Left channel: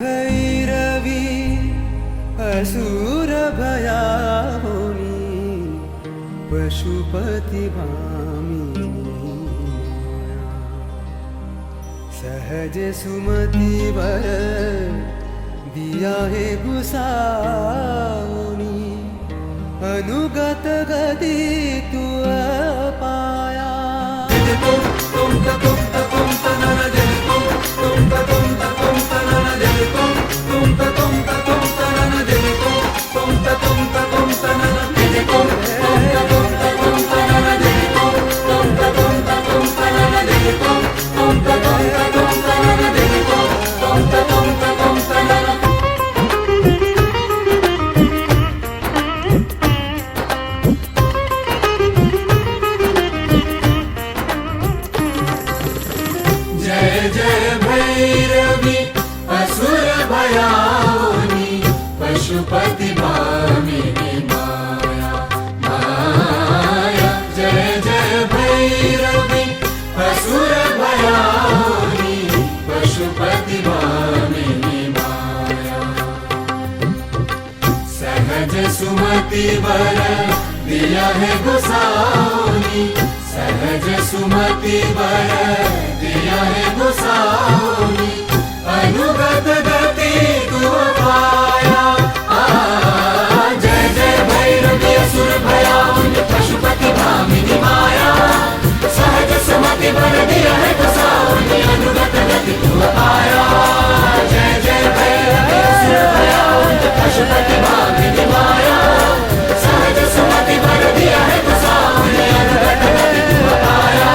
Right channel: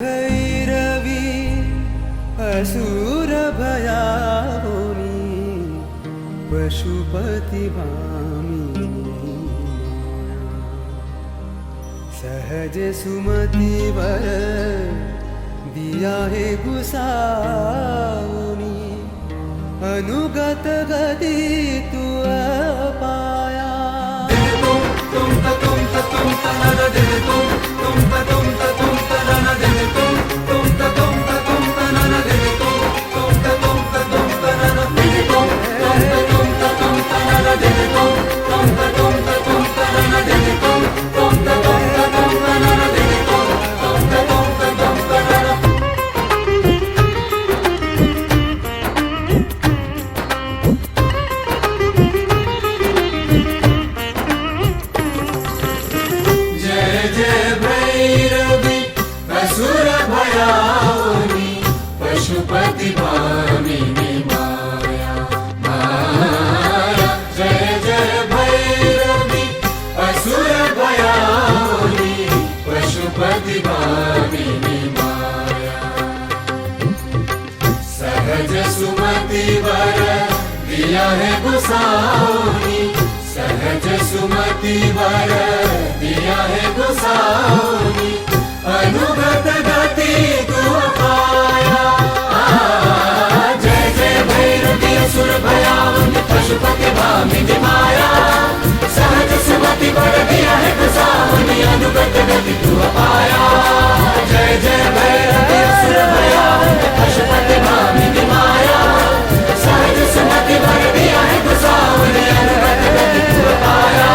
भैरवी असुर भयावनी पशुपति भामिनी सहज सुमति वर दिया है गुसावनी अनुगत गति तू पाया पशुपति भामिनी माया माया जय जय भैरवी असुर भयावनी पशुपति भामिनी माया सहज सुमति वर दिया है गोसाउनी सहज सुमति वर दिया है गोसाउनी अनुगत गति तू पाया पशुपति भामिनी माया सहज सुमति वर दिया है गोसाउनी अनुगत गति तू पाया जय जय पशुपति भामिनी माया सहज सुमति वर दिया है गोसाउनी अनुगत गति तू पाया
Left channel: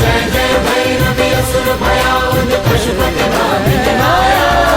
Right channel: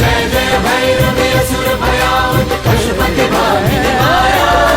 जय जय भैरवी असुर भयावनी पशुपति भामिनी माया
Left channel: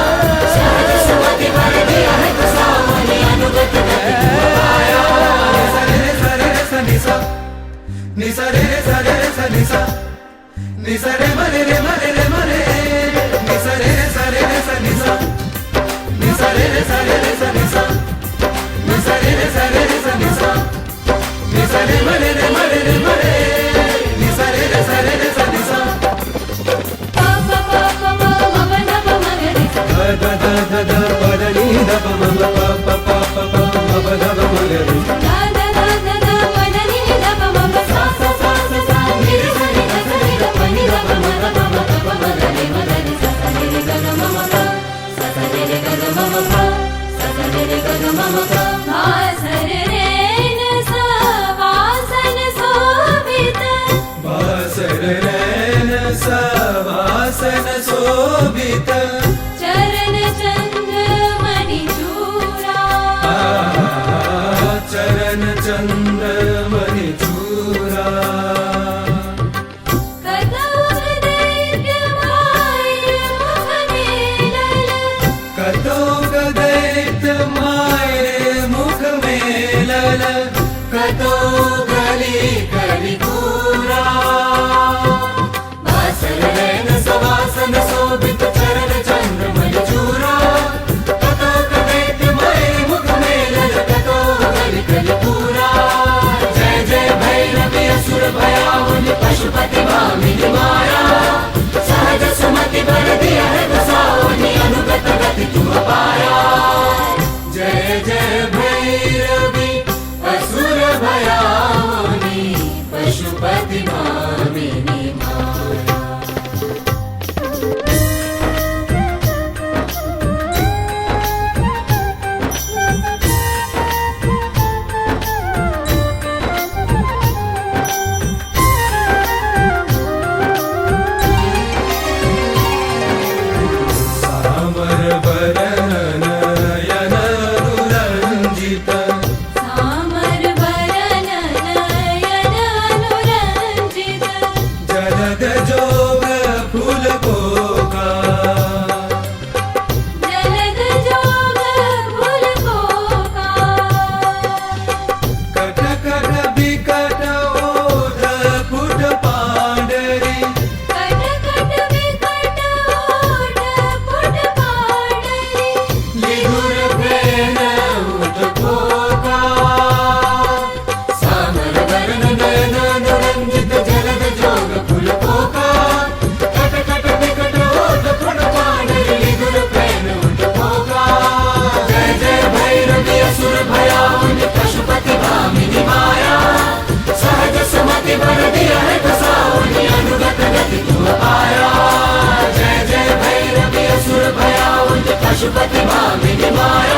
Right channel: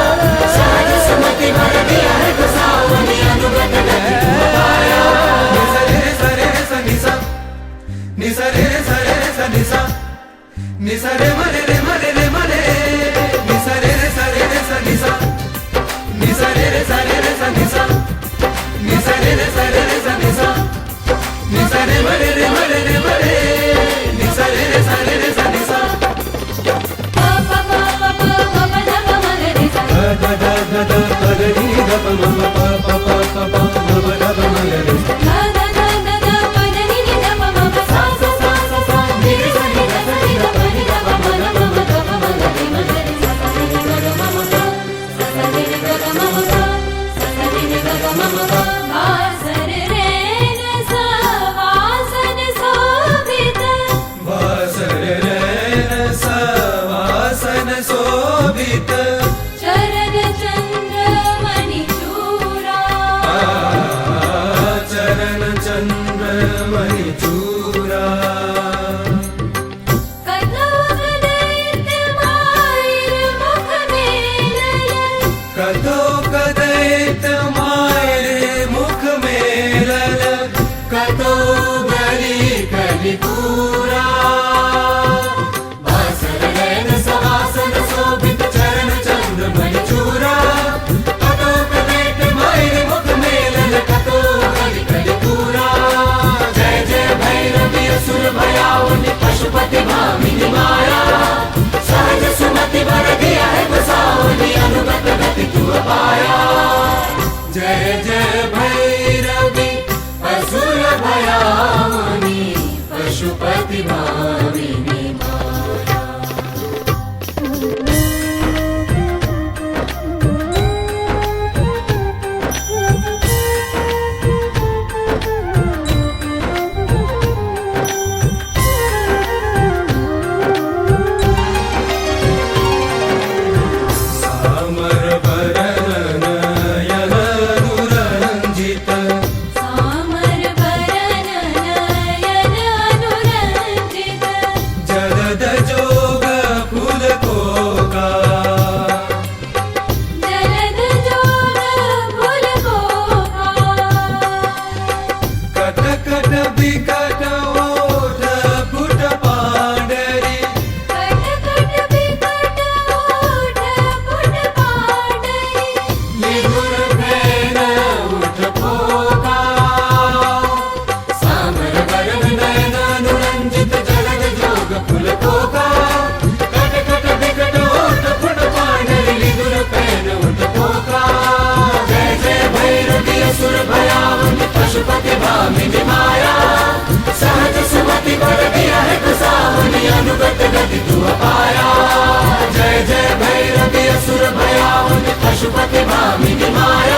पशुपति भामिनी माया